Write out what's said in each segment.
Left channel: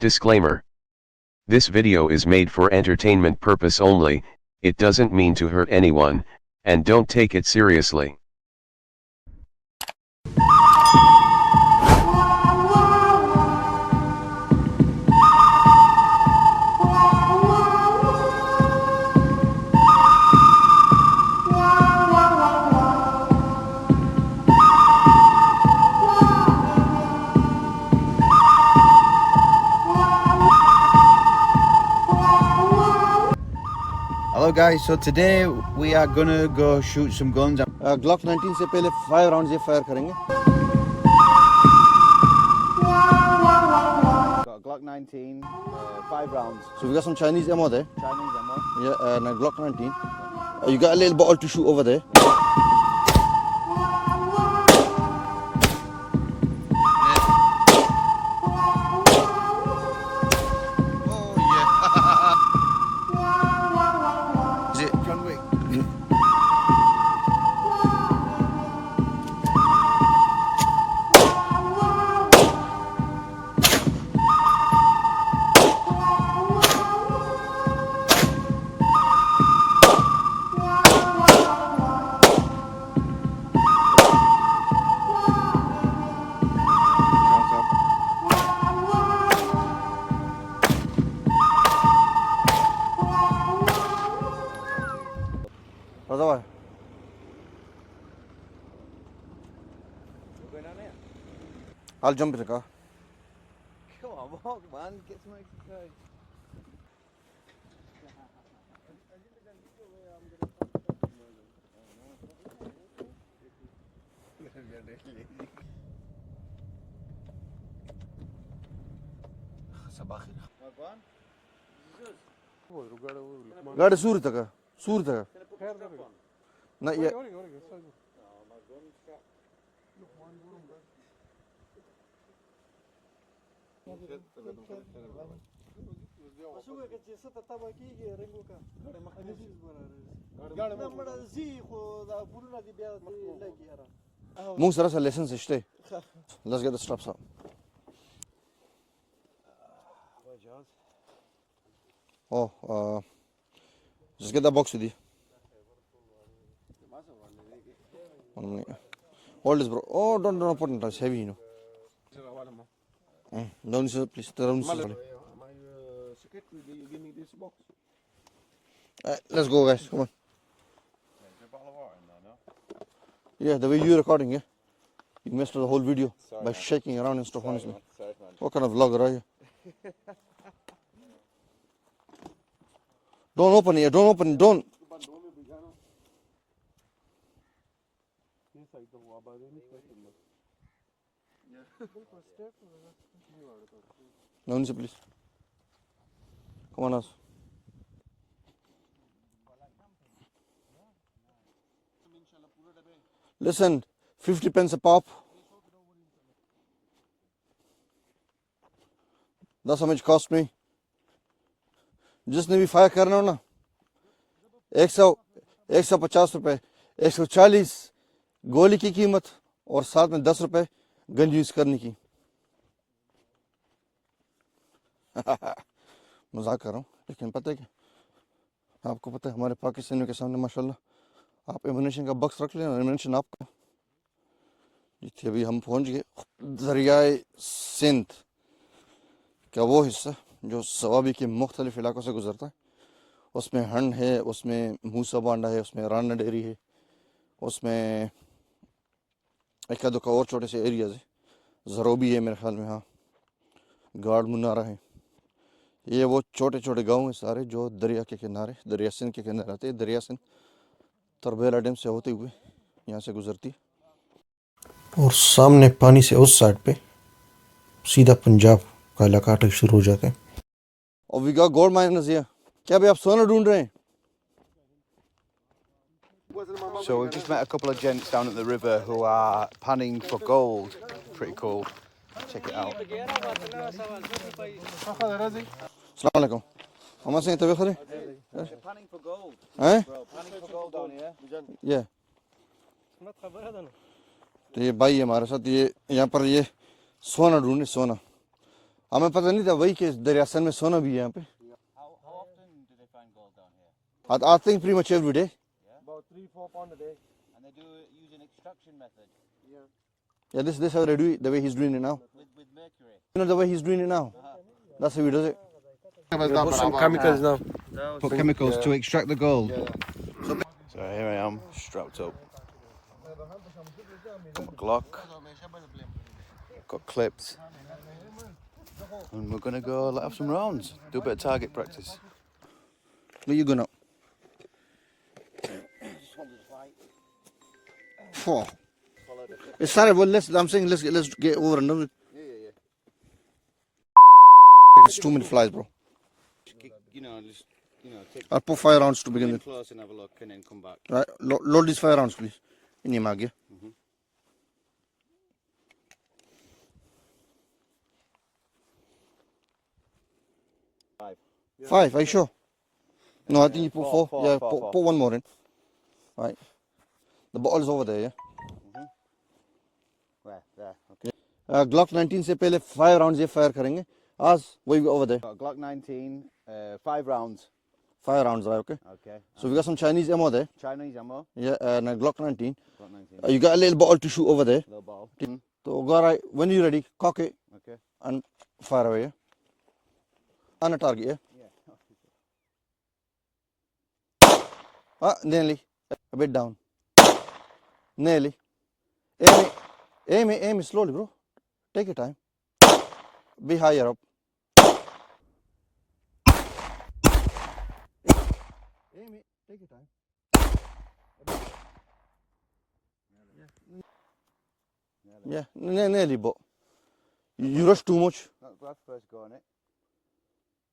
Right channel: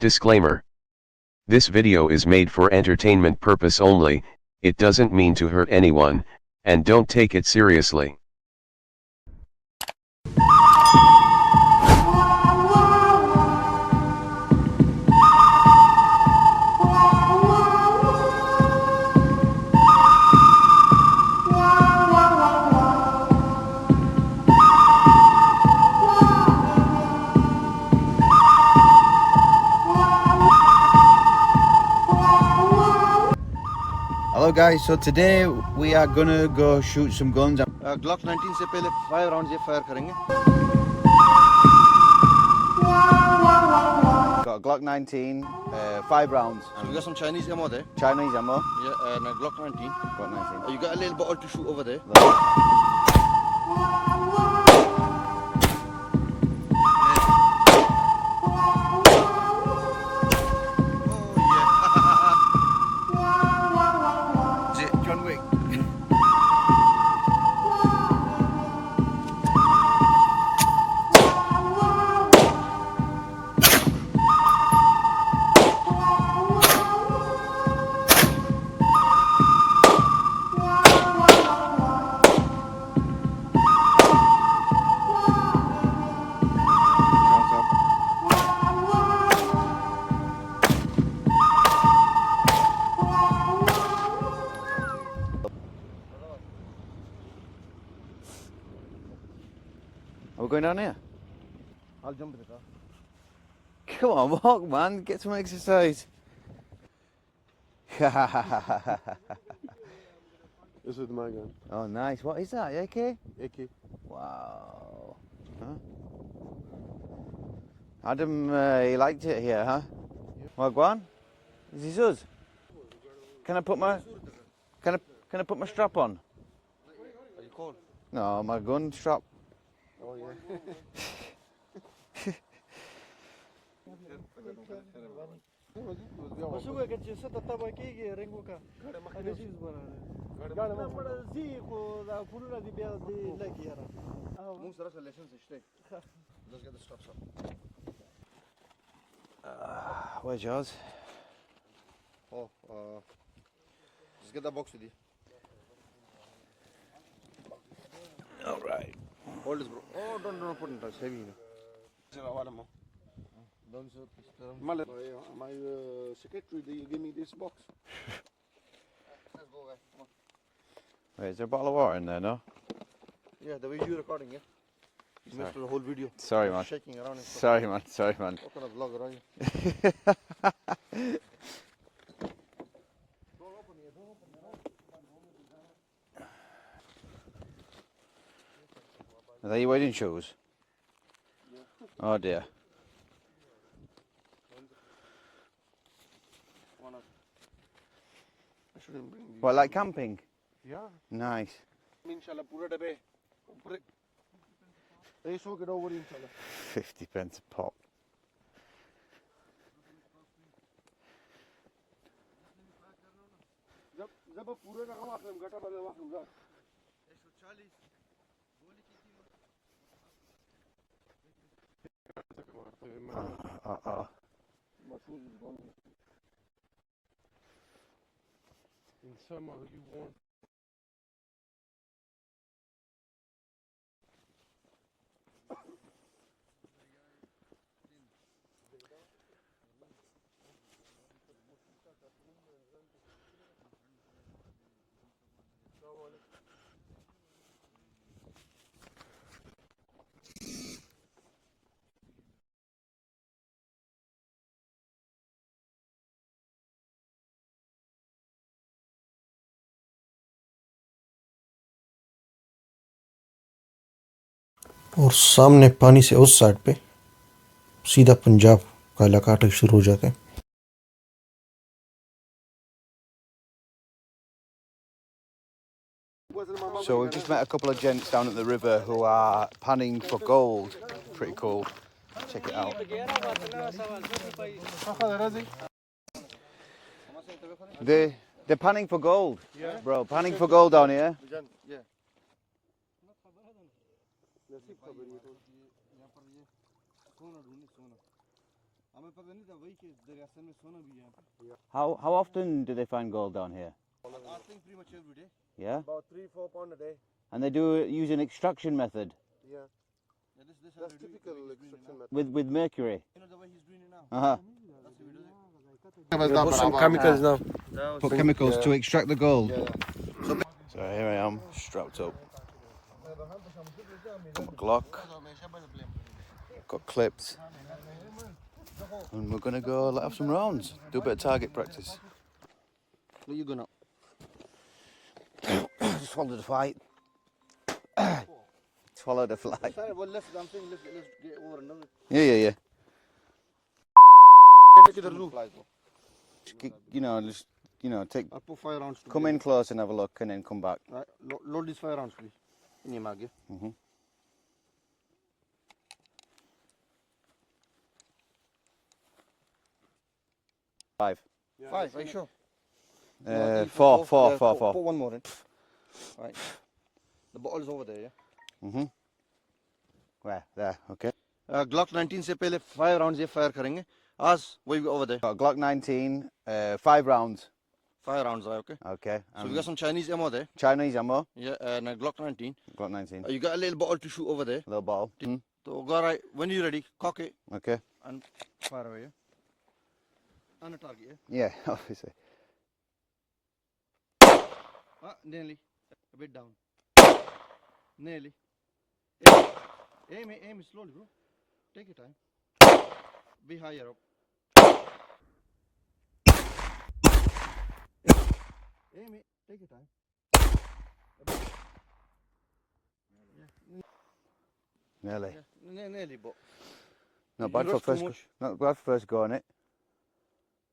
Disclaimer. This video is made for entertainment purpose only, it doesn't mean to hurt anyone, and don't take it seriously. Hello guys, so today we are gonna go shoot some guns. Glock 19 से पहले 5 rounds ये fire करेंगे. Got Glock 19, 5 rounds. So we got some Chinese ammo there. Chinese ammo. Yeah, and a Glock 19. You got a little bottle to shoot over there. Are we going down here? I'll jump in the car. Come on, walk, man. Get some exercise. This is my gun. Oh, nice. What is that? AK? AK. Wow. Huh? Adam, he liked it here, huh? Wagwan? Is this us? Can I put my... Can I put my strap on? Not yet. No, my gun strap. Let's get the straps up. Where's yours? Oh, just get that box with you. All right. Hold this, bro. Oh, don't put it. It's heavy, you know. Down this, please. Down this. My secretary, give me this box. Let's go, guys. Come on. Wait, is there a bottle of water in there, no? Yeah, the way you're recording, yeah. You messed up the whole video. Sorry, man. Shaking around and stuff. Sorry, man. Sorry, man. What kind of vlogger are you? Don't open it. Don't open it. Don't. Are they your wedding shoes? Oh, dear. No, please. Come on, us. What, like camping? Yeah. Nice. Listen, 50 pence a pop. 50 pence a pop. That's how much it cost me. जिसने भी fire करना हो ना 150 रुपए 140 गोली की कीमत और साथ में 10 रुपए गन यूज करने की मजाक कर रहा हूँ लेकिन पता है कि आपको पता है हमारे पाकिस्तानियों के सामने माशाल्लाह आप एमुनेशन का बक्स रख लेना एमुनेशन आपका जितने अभी हम पहुंच गए दरियाए सिंध का वो हिस्सा जो सवाबी के मुख्तलिफ इलाकों से गुजरता है उसमें हंड है उसमें मूसा बांडा है उसमें राना डेरी है उसमें एक दो का और छोटे से एरियाज है ज़रोबी है मेरे ख्याल में हाँ गार्ड मुनारा है ये वो छोटे छोटे गांव हैं सारे जो दरिया के किनारे दरिया सिंध के किनारे आते हैं दरिया सिंध तरबेला डैम से होते हुए यहाँ से गुजरती और सामने पानी से उस साइड पे सीधा पंजाब का इलाका शुरू हो जाता है और we got gold miners here क्या भाई आप सोना ढूंढ रहे हैं So we've just met a couple of gents down at the river who are panning for gold. Pretty cool. Check it out. Assalamualaikum. They're panning for gold. Eh? Bro, panning for gold down here. Yeah. तो ये भाई हमारे साथ ये यहाँ पर ये सोना ढूंढे सोना हमें पता नहीं था वही कि दरियासन में सोना भी है यहाँ पे. How often do they find gold down here? I think pretty much every day. Yeah. About 3-4 pound a day. And they do use an extraction method Yeah, this how they do it, the way he's doing it now. with mercury. You know the way he's doing it now? That's how he does it. Put some chemicals now. Put chemicals to extract the gold. So here I am, strapped up. Got my Glock. Got clips. And we're gonna go have some rounds. Do a bit of target practice. Where you going up? Just wanted to fight. Four. Swallow the fly. It's sorry, well, I'm saying let's get over and done with. Yeah. It's too many flies, bro. Just take. I'll put 5 rounds to Come begin in with. close and have a look, and then come back. Right, load these 5 rounds, please. In your mag, yeah? 5. 5, are you sure? No, I think you put 4. Yeah, four. Put one more in. Right. The bottle is over there, yeah? Where? There. Okay. Glock 19 से पहले 5 rounds ये fire करेंगे. As what you got over there? Got Glock 19, 5 rounds. 5 rounds, right? Okay. Okay. So we got some Chinese ammo there. Chinese ammo. Yeah, and a Glock 19. Glock 19. You got a little bottle to shoot over there. Little bottle. So go right. When you're ready, cock it Okay. and fire away. Yeah? On a target, yeah? Yeah, obviously. Nearly. A bit down. Nearly. Aim it slowly, bro. Take your time. Be higher up. Aim it. Take your time. Nearly. Yeah, nearly, but Not you bad rushed for too first- much. Not bad for first go on it.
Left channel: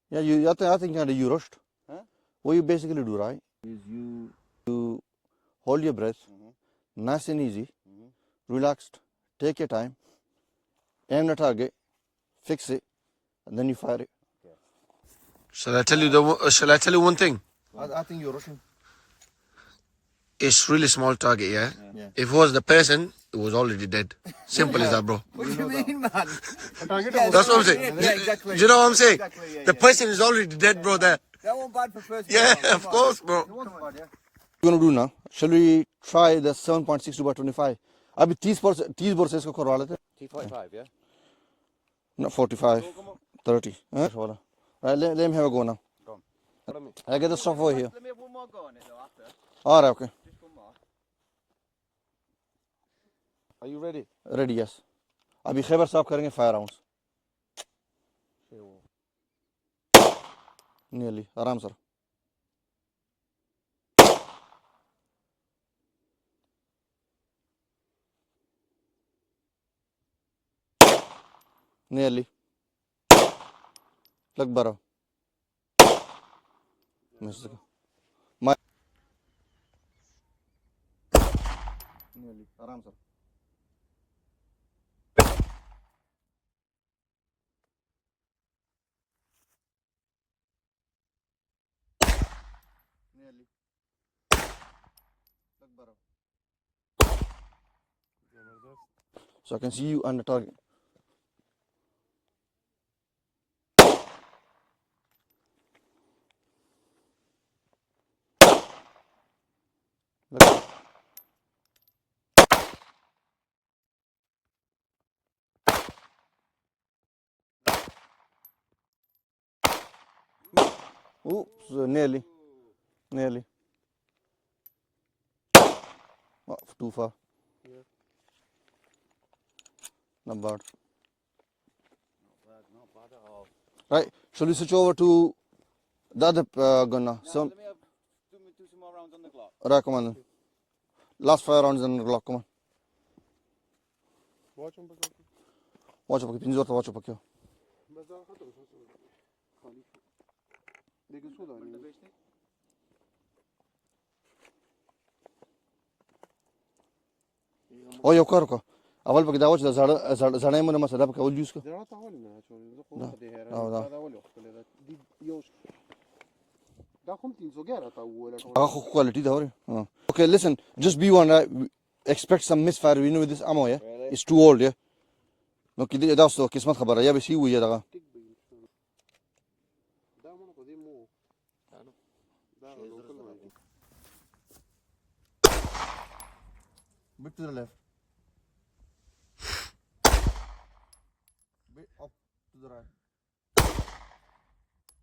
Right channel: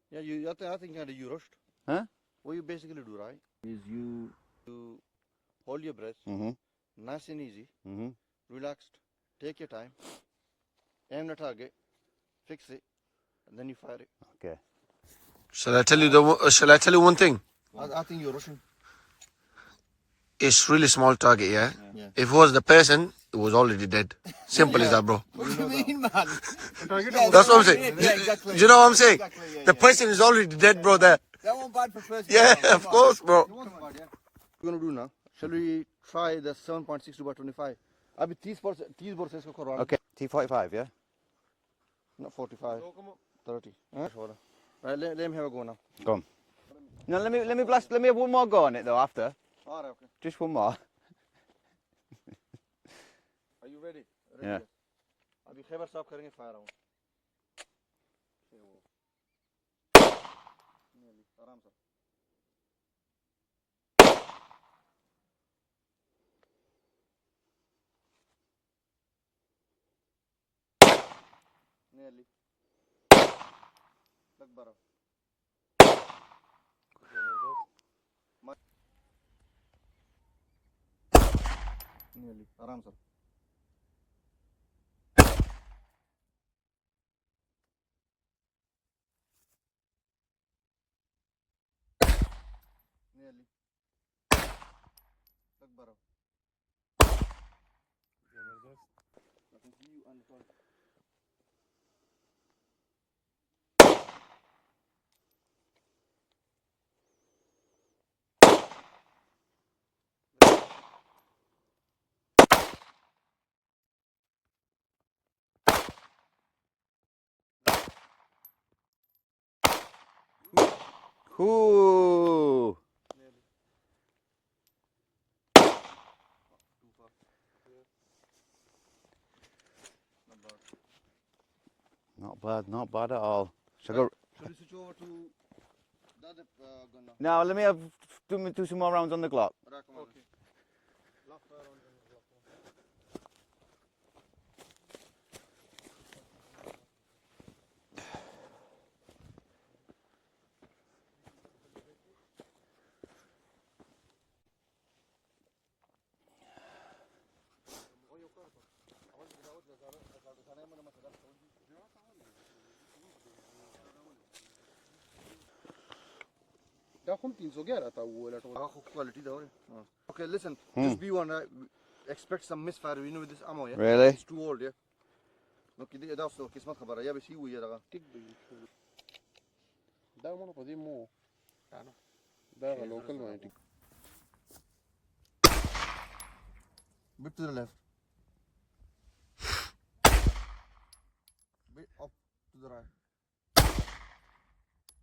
Yeah, I think you rushed. Huh? What you basically do, right, is you hold your breath, nice and easy, relaxed, take your time, aim the target, fix it, and then you fire it. Okay. Shall I tell you one thing? I think you're rushing. It's really small target, yeah? Yeah. If it was the person, it was already dead. Simple as that, bro. What do you mean, man? That's what I'm saying. Yeah, exactly. Do you know what I'm saying? Exactly, yeah, The person is already dead, bro, there. That one bad for first. Yeah, of course, bro. What you gonna do now? Shall we try the 7.62 by 25? Abhi 30 bor se isko karwa Okay. T45, yeah? Not 45, 30. Huh? Right, let him have a go now. Go on. I get the stuff over here. Let me have one more go on it though after. All right, okay. Just one more. Are you ready? Ready, yes. Abhi Khaybar साफ करेंगे 5 rounds. Nearly. आराम sir. Nearly. लग बरा. Nearly. आराम sir. Nearly. लग बरा. So I can see you on the target. Look. Ooh. Nearly. Oh, too far. Not bad. Not bad at all. Right. Shall we switch over to the other gun now? Now let me do some more rounds on the Glock. Right, come on then. Last 5 rounds on the Glock, come on. Watch up, pinzor to watch up, okay. Oh, you car. أول بقى داوش ده زرنا من ما سداب كأول جوسك. Quality ده Okay, listen. Just be one. Expect some misfire. We know with this ammo, yeah. Really? It's too old, yeah. No, كده ده أصله كيس ما خبره. يا بس هو يا ده. Bit to the left. Bit up to the right.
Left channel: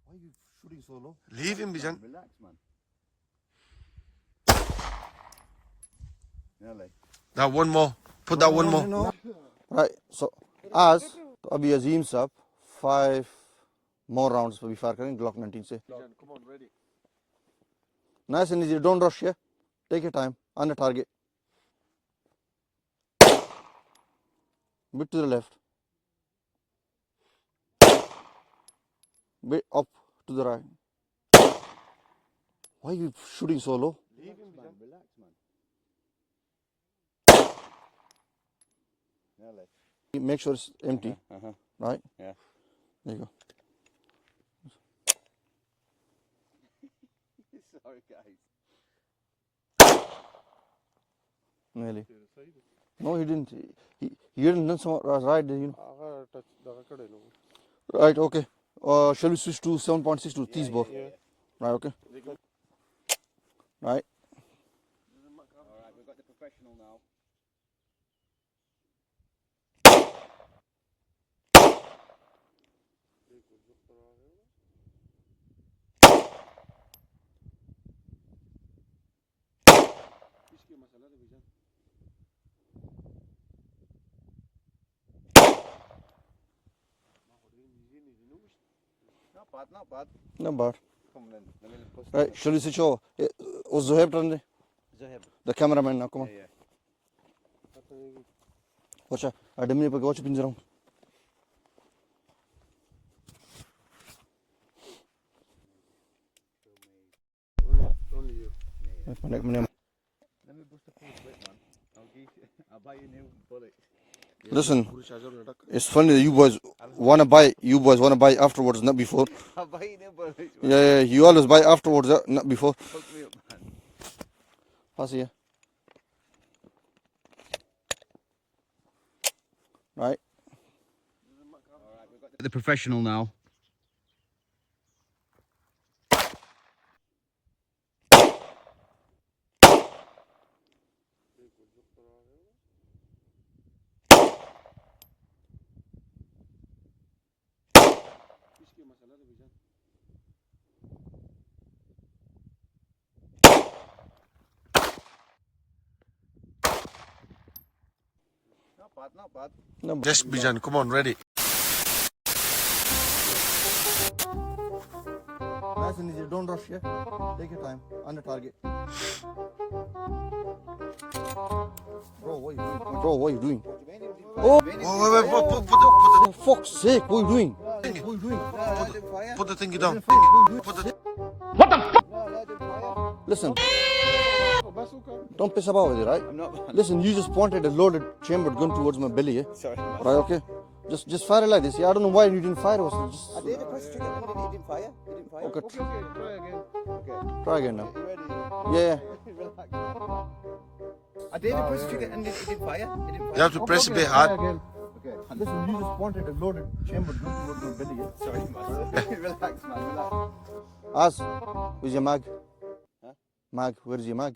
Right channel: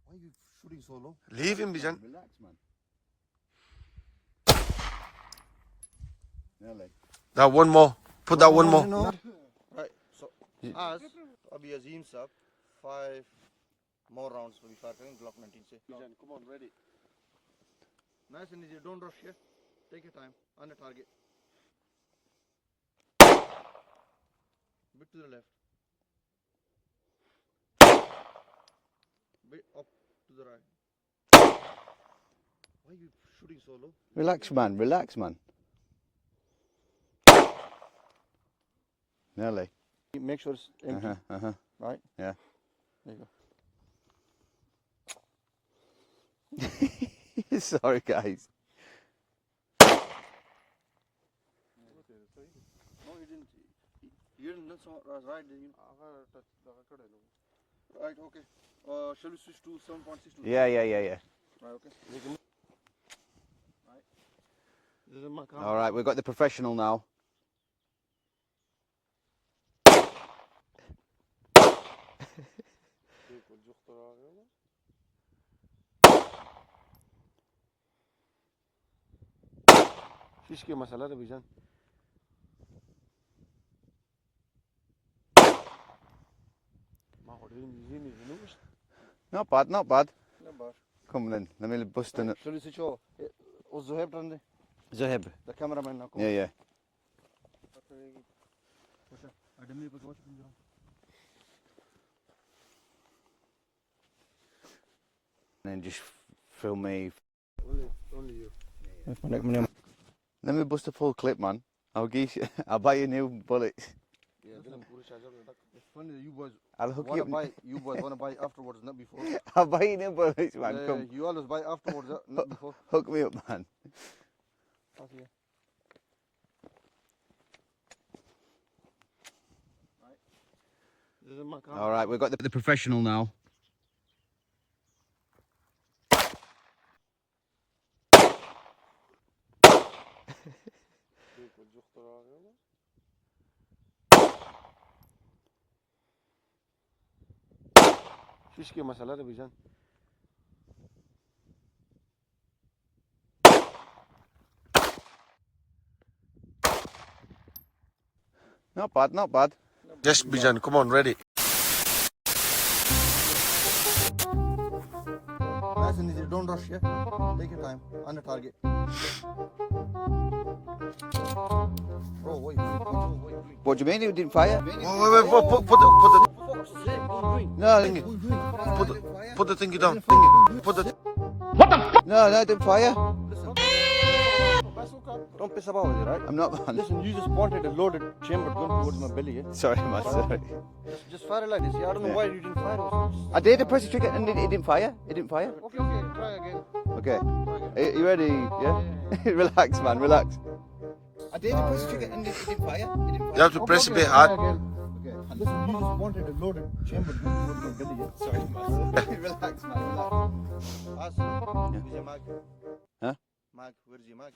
Why are you shooting so low? Leave him, Bijan. Relax, man. Nearly. That one more. Put that one more. No. Right. So, as तो अभी अजीम साहब 5 more rounds पे भी fire करेंगे Glock 19 से. Come on, ready. Nice and easy. Don't rush here. Take your time. On the target. Bit to the left. Bit up to the right. Why are you shooting so low? Relax, man. Relax, man. Nearly. Make sure it's empty. Right? Yeah. There you go. Sorry, guys. Nearly. No, he didn't. He didn't done some right there, you know. Right, okay. Shall we switch to 7.62? Yeah. Right, okay. Right. All right, we've got the professional now. Fishke masala re Bijan. Not bad, not bad. Not bad. Come on then, let me bust Right, in. shall we switch over? Was Zoheb turn? Zoheb. The cameraman now, come on. Yeah. Watch out. I didn't even watch pinjara. And then just film me. Only you. Let me bust a full clip, man. I'll buy you new bullets. Listen, it's funny that you boys wanna buy afterwards, not before. I'll buy you new bullets, man. Yeah, you always buy afterwards, not before. Hook me up, man. Pass here. Right. All right, we've got the professional now. Fishke masala re Bijan. Not bad, not bad. Just Bijan, come on, ready. Nice and easy. Don't rush here. Take your time. On the target. Bro, what are you doing? What do you mean you didn't fire? Wait, put the For fuck's sake, what are you doing? No, What are you doing? put the thingy down. Put the no, I didn't fire. Listen. Don't piss about with it, right? I'm not. Listen, you just pointed a loaded chambered gun towards my belly, yeah? Sorry, man. Right, okay. Just fire it like this. Yeah, I don't know why you didn't fire. I did press the trigger and it didn't fire. It didn't fire. Good. Okay. Try again. You ready? Yeah. Relax, man. Relax. I did press the trigger and it didn't fire. It didn't fire. You have to press a bit hard. Okay. Listen, you just pointed a loaded chambered gun towards my belly, yeah? Sorry, man. Relax, man. Relax. Ask, where's your mag? Huh? Mag, where's your mag?